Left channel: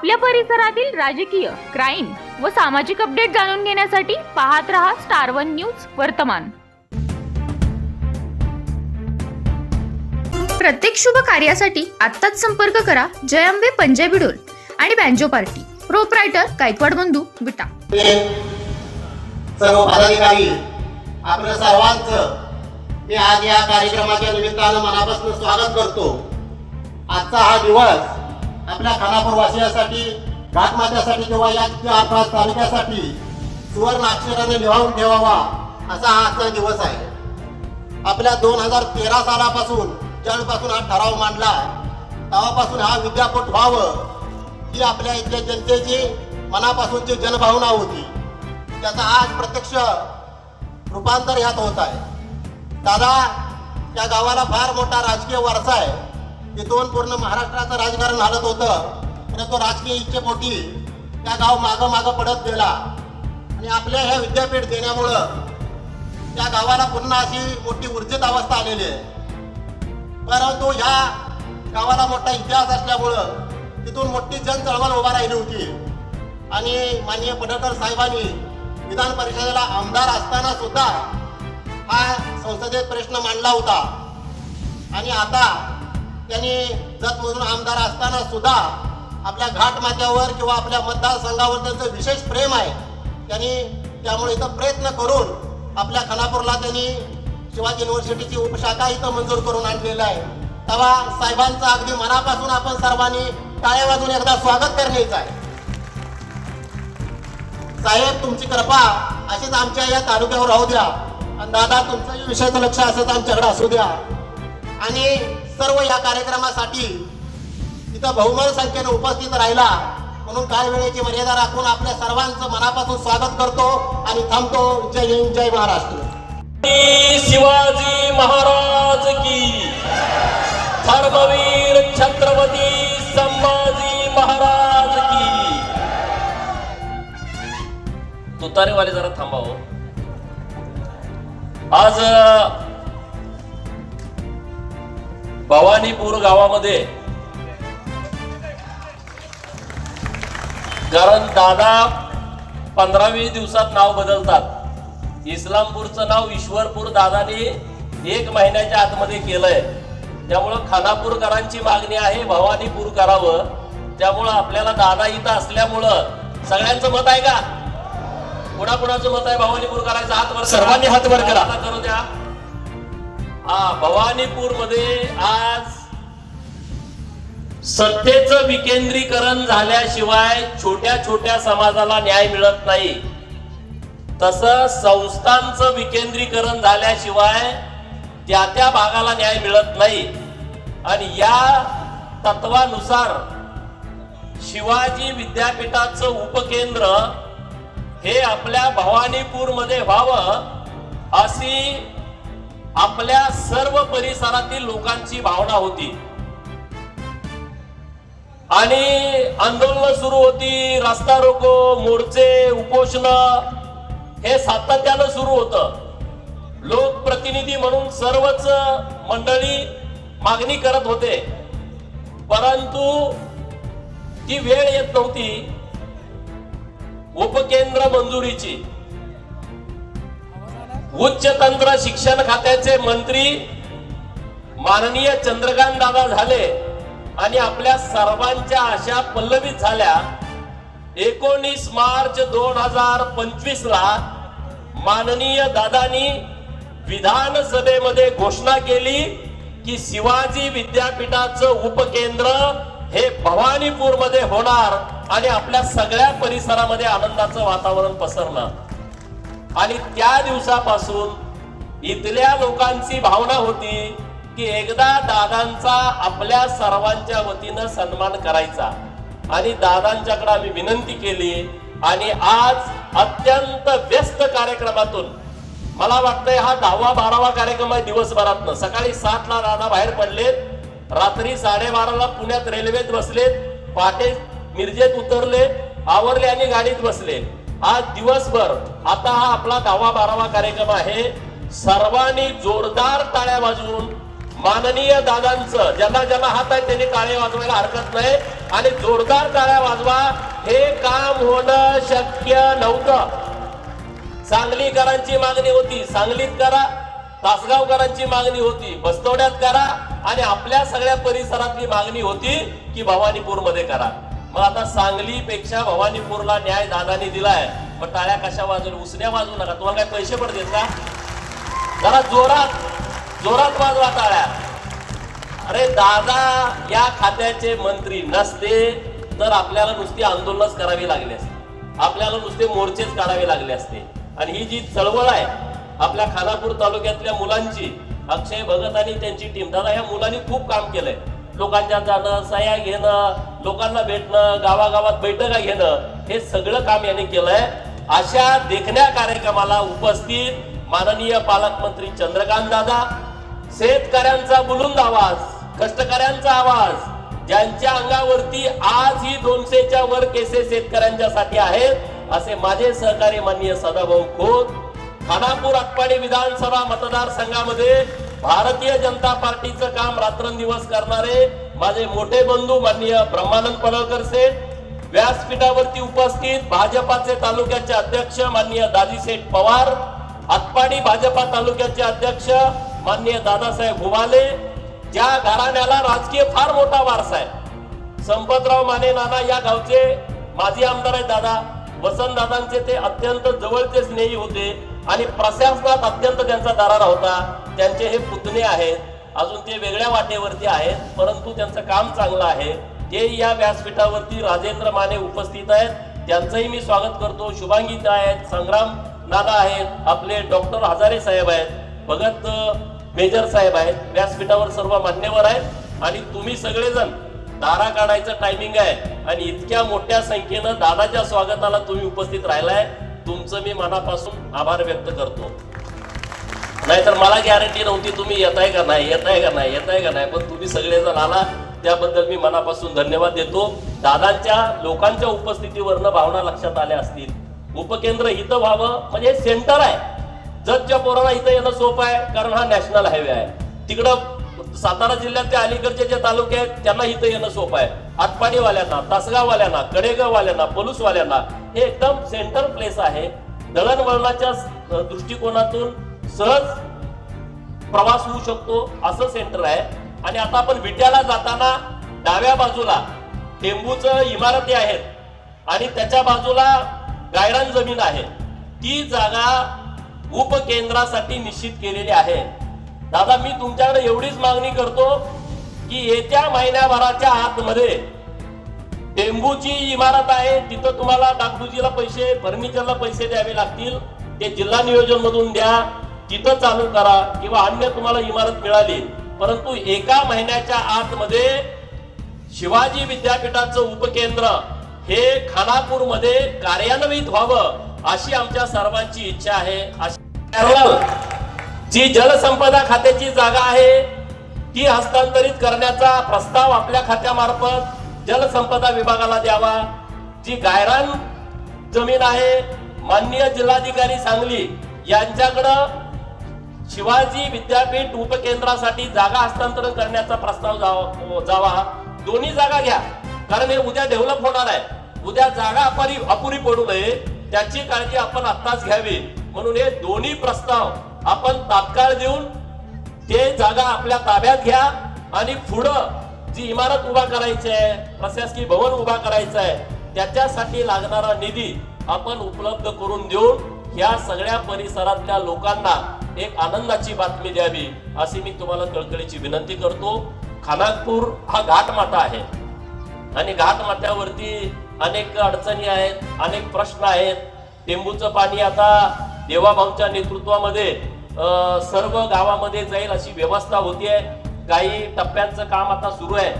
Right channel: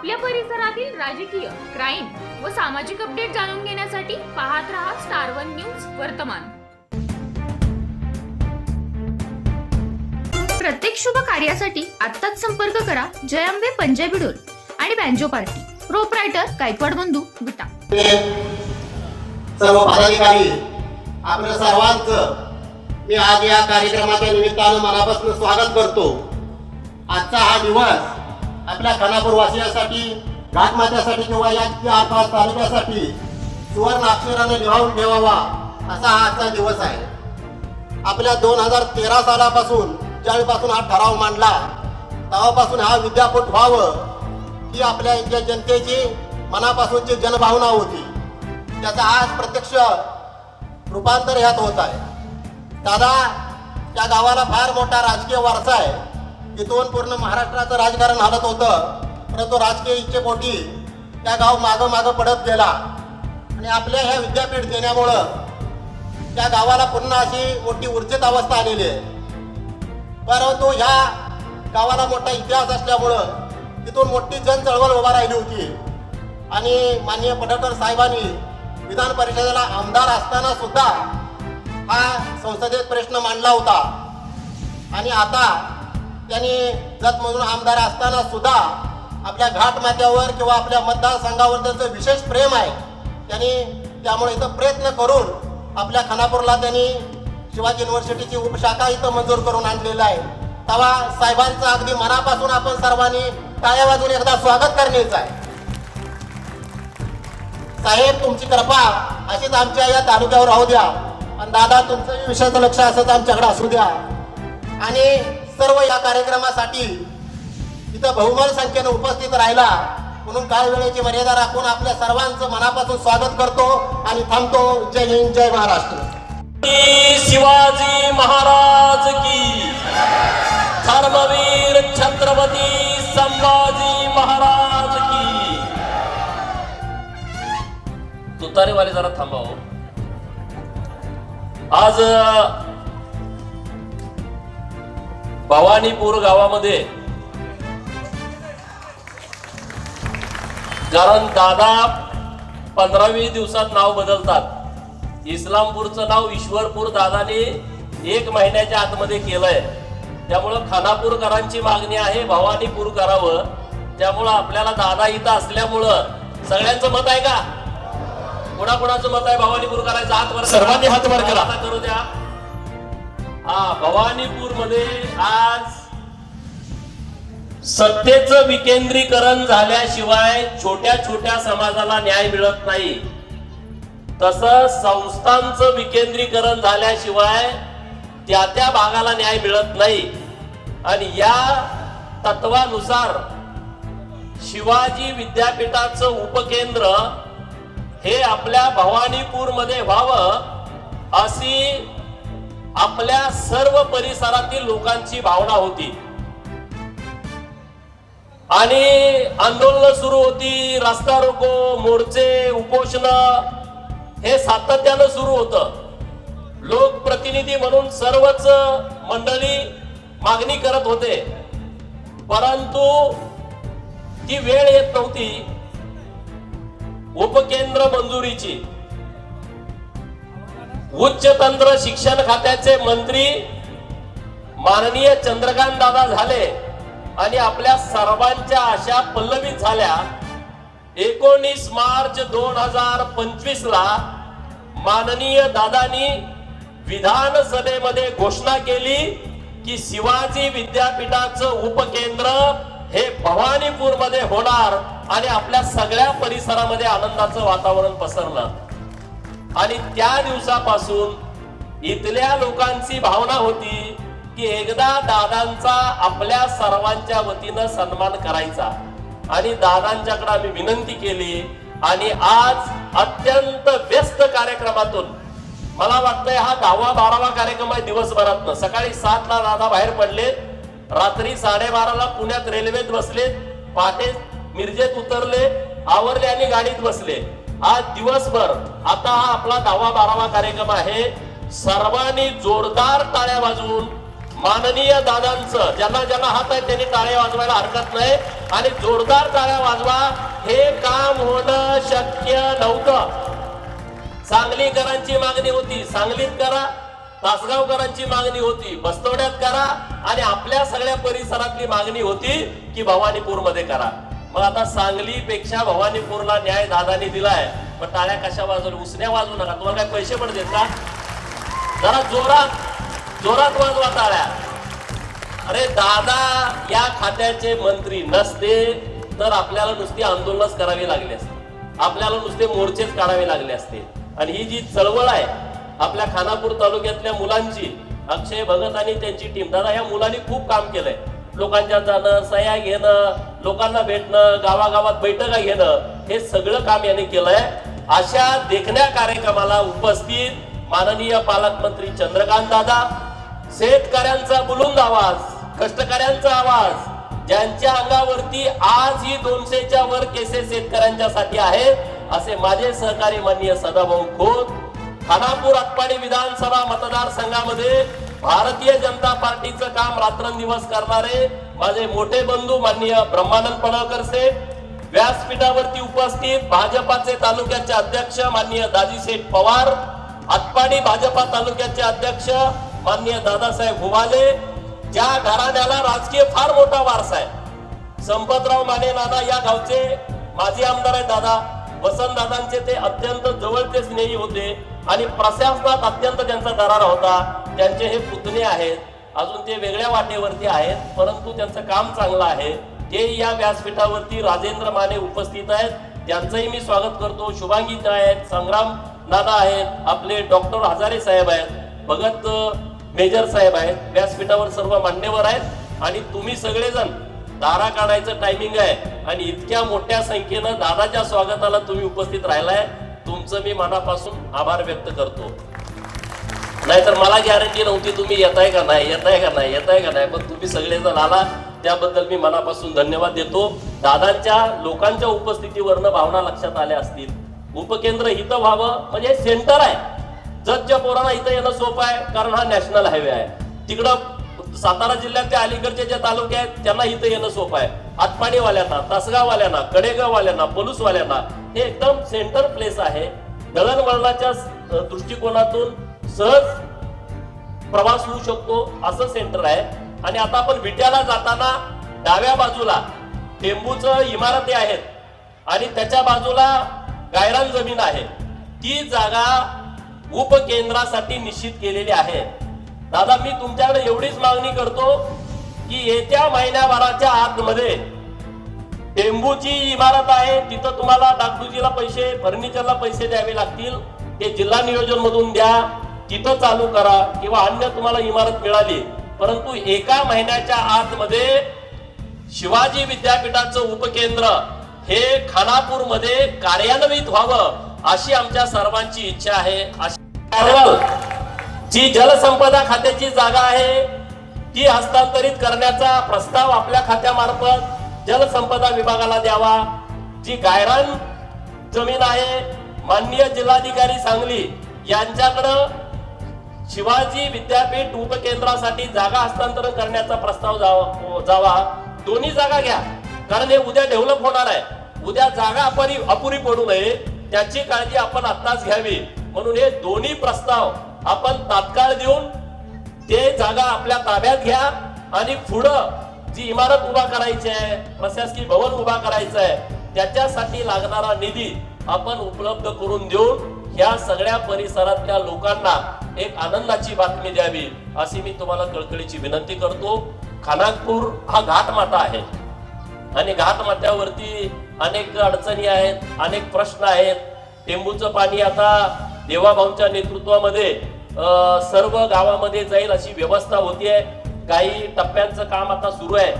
आपल्या परिसरातील राजकीय क्राईम व सामाजिक अपडेट जाणून घेण्यासाठी पाहत रहा स्टार वन न्यूज वर्तमान. प्रत्येक शुभ कार्यासाठी आत्ताच संपर्क करा जयंबे पंजाबी डोल आणि बँजो पार्टी. प्रोपरायटर गायकवाड बंधू विटा सर्व पदाधिकारी आपल्या सर्वांचं मी आज या कार्यक्रमाच्या निमित्तानं मनापासून स्वागत करतो. आजचा हा दिवस आपल्या खानापूर वासियासाठी घाटमात्यासाठी किंवा या आसपास तालुक्यासाठी सुवर्ण अक्षराने लिहावून ठेवावा असा हा आजचा दिवस आहे. आपल्या दोन हजार तेरा सालापासून ज्यावेळीपासून हा ठराव मांडला तेव्हापासून हा विद्यापीठ व्हावं ही आपल्या इथल्या जनतेची मनापासूनची जनभावना होती. त्याचा आज प्रत्यक्ष रूपांतर ह्यात होत आहे. दादा त्या गावाला फार मोठा राजकीय वारसा आहे. तिथून पूर्ण महाराष्ट्राचं राजकारण हालत होतं. परंतु राजकीय इच्छेपोटी त्या गाव मागं मागं पडत गेला. आणि आपल्या ह्या विद्यापीठ देण्यामुळं त्या गावाला पुन्हा अशी मोठी ऊर्जित अवस्था आलेली आहे. परंतु ह्या गावाला मोठा इतिहास असल्यामुळं तिथून मोठी जन चळवळ उभा राहिली होती. आणि माननीय पडळकर साहेबांनी विधान परिषदेला आमदार असताना सुद्धा हा संसदेत प्रश्न मांडला होता. आणि आता त्यांनी जत म्हणून आमदार असताना सुद्धा आपल्या घाट माथ्यावर किंवा आपल्या मतदारसंघावर त्यांचं विशेष प्रेम आहे. त्यांनी त्यामुळे इथं प्रयत्न करून आपल्या खानापूरला त्यांनी शिवाजी युनिव्हर्सिटीची उपशाखा इथं मंजूर करून आणलेलं आहे. तेव्हा साहेबांचं अगदी मनापासून आपण सर्वांनी टाळ्या वाजून एकदा स्वागत करण्याचं आहे. साहेब तुमची कृपा अशीच आमच्या या तालुक्यावर राहू द्या. आणि दादा तुमचंही विषयाचं लक्ष असंच आमच्याकडे असू द्या. आणि सर्व या कार्यक्रमासाठी इथं बहुमान संख्येने उपस्थित राहिला. म्हणून काय वेळेची मर्यादा राखून आपल्या सर्वांचं मनापासून स्वागत करतो आणि थांबतो. जय हिंद जय महाराष्ट्र. शिवाजी महाराज की. धर्मवीर छत्रपती संभाजी महाराज की. तुतारेवाले जरा थांबाव हो. आज भवानीपूर गावामध्ये. कारण दादा पंधरा वीस दिवसात नाव बदलतात. इस्लामपूरचं नाव ईश्वरपूर दादाने एक महिन्याच्या आतमध्ये केलंय. त्यामुळं खानापूरकरांची मागणी आहे भवानीपूर करावं त्यामुळं आपल्याला दादा इथं असल्यामुळं सगळ्यांचं मत आहे का? कुणाकुणाचं मत आहे? भवानीपूर करायचं हात वर सर्वांनी हात वर करा. करू द्या. हा भवानीपूरमध्ये आज सत्तेचं विकेंद्रीकरण झाल्याशिवाय छोट्या छोट्या समाजाला न्याय मिळत नाही. तस संस्थांचं विकेंद्रीकरण झाल्याशिवाय त्या त्या भागाला न्याय मिळत नाही. आणि या तत्वानुसार शिवाजी विद्यापीठाचं उपकेंद्र हे आपल्या भवानीपूरमध्ये व्हावं अशी आपल्या सर्व परिसरातील लोकांची भावना होती. आणि आंदोलन सुरू होती रास्ता रोको मोर्चे उपोषण हे सातत्यानं सुरू होतं. लोकप्रतिनिधी म्हणून सर्वच मंडळी मागणी करत होते. परंतु ती वेळ येत नव्हती. उपकेंद्र मंजुरीची. उच्च तंत्र शिक्षण खात्याचे मंत्री माननीय चंद्रकांत दादा झाले आणि आपल्या सर्वांच्या आशा पल्लवित झाल्या. एकोणीस मार्च दोन हजार पंचवीस ला माननीय दादानी विधानसभेमध्ये घोषणा केली की शिवाजी विद्यापीठाचं उपकेंद्र हे भवानीपूरमध्ये होणार आणि आपल्या सगळ्या परिसरामध्ये आनंदाचं वातावरण पसरलं आणि त्या दिवसापासून इथल्या लोकांची भावना होती की एकदा दादांचा आपल्या सर्वांच्या वतीनं सन्मान करायचा. आणि दादांच्याकडे आम्ही विनंती केली आणि आज अत्यंत व्यस्त कार्यक्रमातून मला वाटतंय हा दहावा बारावा कार्यक्रम आहे दिवसभरात सकाळी सातला दादा बाहेर पडलेत रात्री साडेबाराला पुण्यात रेल्वेत बसलेत पहाटे मिरजेत उतरले आवरले आणि गाडीत बसले आज दिवसभर आता हा आपला दहावा बारावा कार्यक्रम आहे. सर्वांनी जोरदार टाळ्या वाजवून माननीय दादांचं ज्यांना ज्यांना हात आहे त्यांनी टाळ्या वाजवायला हरकत नाही. आणि जोरदार टाळ्या वाजवा. हे काम होणं शक्य नव्हतं. सांगलीकरांची मागणी होती. सांगलीत करा तासगावकरांची मागणी होती. बस्तवड्यात करा. आणि आपल्या सगळ्या परिसरातली मागणी होती की भवानीपूरमध्ये करा. मग आता सांगलीपेक्षा भवानीपूरला न्याय दादानी दिलाय. मग टाळ्या कशा वाजवून उसण्या वाजवू नका. तुम्हाला काय पैसे पडतील का जरा जोरात जोरात वाजवा टाळ्या. अरे दादा या खात्याचे मंत्री नसते तर आपल्याला नुसती आंदोलनच करावी लागली असते. आपल्याला नुसते मोर्चेच काढावे लागले असते. आणि ही जी चळवळ आहे आपल्या खानापूर तालुक्यातल्या मुलांची अक्षय भगत आणि त्यांची टीम दादा या मुलांनी खूप काम केलंय. लोकांच्या जाणं सह्या घेणं लोकांना भेटणं गावागावात बैठका घेणं हे सगळं काम यांनी केलंय. अशा देखण्या कार्यक्रमाला उपस्थित माननीय पालकमंत्री चंद्रकांत दादा शेतकऱ्यांचा बुलुंद आवाज कष्टकऱ्यांचा आवाज ज्यांच्या अंगावरती आज ही दोनशेच्या वर केसेस शेतकऱ्यांच्यासाठी आहेत असे माझे सहकारी माननीय सदाभाऊ खोत खानापूर आटपाडी विधानसभा मतदारसंघामध्ये भारतीय जनता पार्टीचं काम रात्रंदिवस करणारे माझे मोठे बंधू माननीय ब्रह्मानंद पडळकर सेठ व्यासपीठावरती उपस्थित भाजपाचे तालुक्याचे अध्यक्ष माननीय दाजीसेठ पवार आटपाडी भाजपा तालुक्याचे अध्यक्ष माननीय दादासाहेब हुवाले ज्या घराण्याला राजकीय फार मोठा वारसा आहे. संपतराव माने नाना या गावचे माजी आमदार आहे दादा. वसंत दादांचे ते अत्यंत जवळचे स्नेही होते आणि प्रशासनात अत्यंत त्यांचा दरारा होता. त्यांचे हे पुतणे आहेत. अजून ते वेगळ्या वाटेवरती आहेत परंतु त्यांचं काम चांगलं आहे. ते या व्यासपीठावरती राजेंद्र माने उपस्थित आहेत. त्यांचंही मी स्वागत करतो. शुभांगी आहेत संग्राम दादा आहेत आपले डॉक्टर हजारे साहेब आहेत भगत मेजर साहेब आहेत व्यासपीठावर सर्व मान्यवर आहेत. आणि तुम्ही सगळेजण दारा काढायचं टायमिंग आहे. आणि इतक्या मोठ्या संख्येनं दादाच्या स्वागताला तुम्ही उपस्थित राहिलाय. तुमचं मी मनापासून आभार व्यक्त करतो. नाहीतर मला गॅरंटी नव्हती तुम्ही येताय का नाही येताय का नाही येताय का नाही. पण तुम्ही सगळेजण आला त्याबद्दल मी मनापासून धन्यवाद देतो. दादांच्या लोकांच्या उपस्थितीवरनं भावना लक्षात आल्या असतील. उपकेंद्र इथं व्हावं म्हणजे सेंटर आहे. जगच्या पोराला इथं येणं सोपं आहे कारण हा नॅशनल हायवे आहे. तिकडं सातारा जिल्ह्यातल्या अलीकडचे जे तालुके आहेत त्यांना इथं येणं सोपं आहे. आतपाडीवाल्यांना तासगाववाल्यांना कडेगाववाल्यांना पलूसवाल्यांना हे एकदम सेंटर प्लेस आहे. दळणवळणाच्या दृष्टिकोनातून सहज प्रवास होऊ शकतो असं सेंटर आहे. आणि आता आपण विट्याला जाताना डाव्या बाजूला टेंबूचं इमारती आहेत. आणि त्याच्या बाजूला गायरान जमीन आहे. ती जागा उपकेंद्रासाठी निश्चित केलेली आहे. दादा मी तुमच्याकडे एवढीच मागणी करतो की येत्या महिन्याभराच्या आतमध्ये टेंबूची इमारत आहे. तिथं तुम्हाला डागडुजीला पैसे फर्निचरला पैसे द्यावे लागतील. ते जिल्हा नियोजन मधून द्या. तिथं चालू करा किंवा अन्य तुम्हाला इमारत मिळाली परंतु एका महिन्याच्या आतमध्ये शिवाजी विद्यापीठाचं उपकेंद्र हे खानापूरमध्ये कार्यान्वित व्हावं अशी आमच्या सर्वांची इच्छा आहे. अशी जी जलसंपदा खात्याची जागा आहे ती हस्तांतरित करण्याचा प्रस्ताव आपल्या खात्यामार्फत जलसंपदा विभागाला द्यावा. जी गायरान जमीन आहे माननीय जिल्हाधिकारी सांगली यांच्याकडं शिवाजी विद्यापीठ उपकेंद्रासाठी जागा हस्तांतरण करण्याचा प्रस्ताव जावा जावा. दोन्ही जागा घ्या. कारण हे उद्या डेव्हलप होणार आहे. उद्या जागा अपरी अपुरी पडू नये. त्याची काळजी आपण आत्ताच घ्यावी. म्हणून हे दोन्ही प्रस्ताव आपण तात्काळ देऊन ते जागा आपल्या ताब्यात घ्या आणि पुढं जी इमारत उभा करायची आहे प्रशासकीय भवन उभा करायचं आहे त्याच्यासाठी लागणारा निधी आपण उपलब्ध करून देऊन या सगळ्या परिसरातल्या लोकांना एक आनंदाची बातमी द्यावी अशी मी तुम्हाला कळकळीची विनंती करतो. खानापूर हा घाटमाता आहे. आणि घाटमात्यावरती अनेक अडचणी आहेत अनेक प्रश्न आहेत. टेंबूचं पाणी आता देवाभाऊच्या नेतृत्वामध्ये सर्व गावामध्ये जाईल अशी व्यवस्था होतीये. काही टप्प्यांचं काम आता सुरू आहे.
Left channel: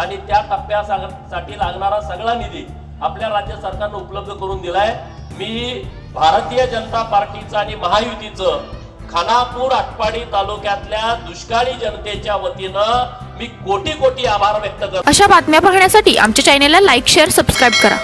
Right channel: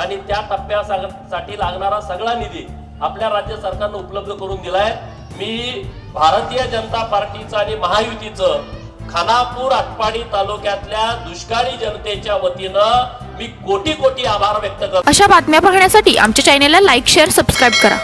आणि त्या टप्प्यासाठी लागणारा सगळा निधी आपल्या राज्य सरकारनं उपलब्ध करून दिलाय. मी भारतीय जनता पार्टीचं आणि महायुतीचं खानापूर आटपाडी तालुक्यातल्या दुष्काळी जनतेच्या वतीनं मी कोटी कोटी आभार व्यक्त करतो. अशा बातम्या पाहण्यासाठी आमच्या चॅनेलला लाईक शेअर सबस्क्राईब करा.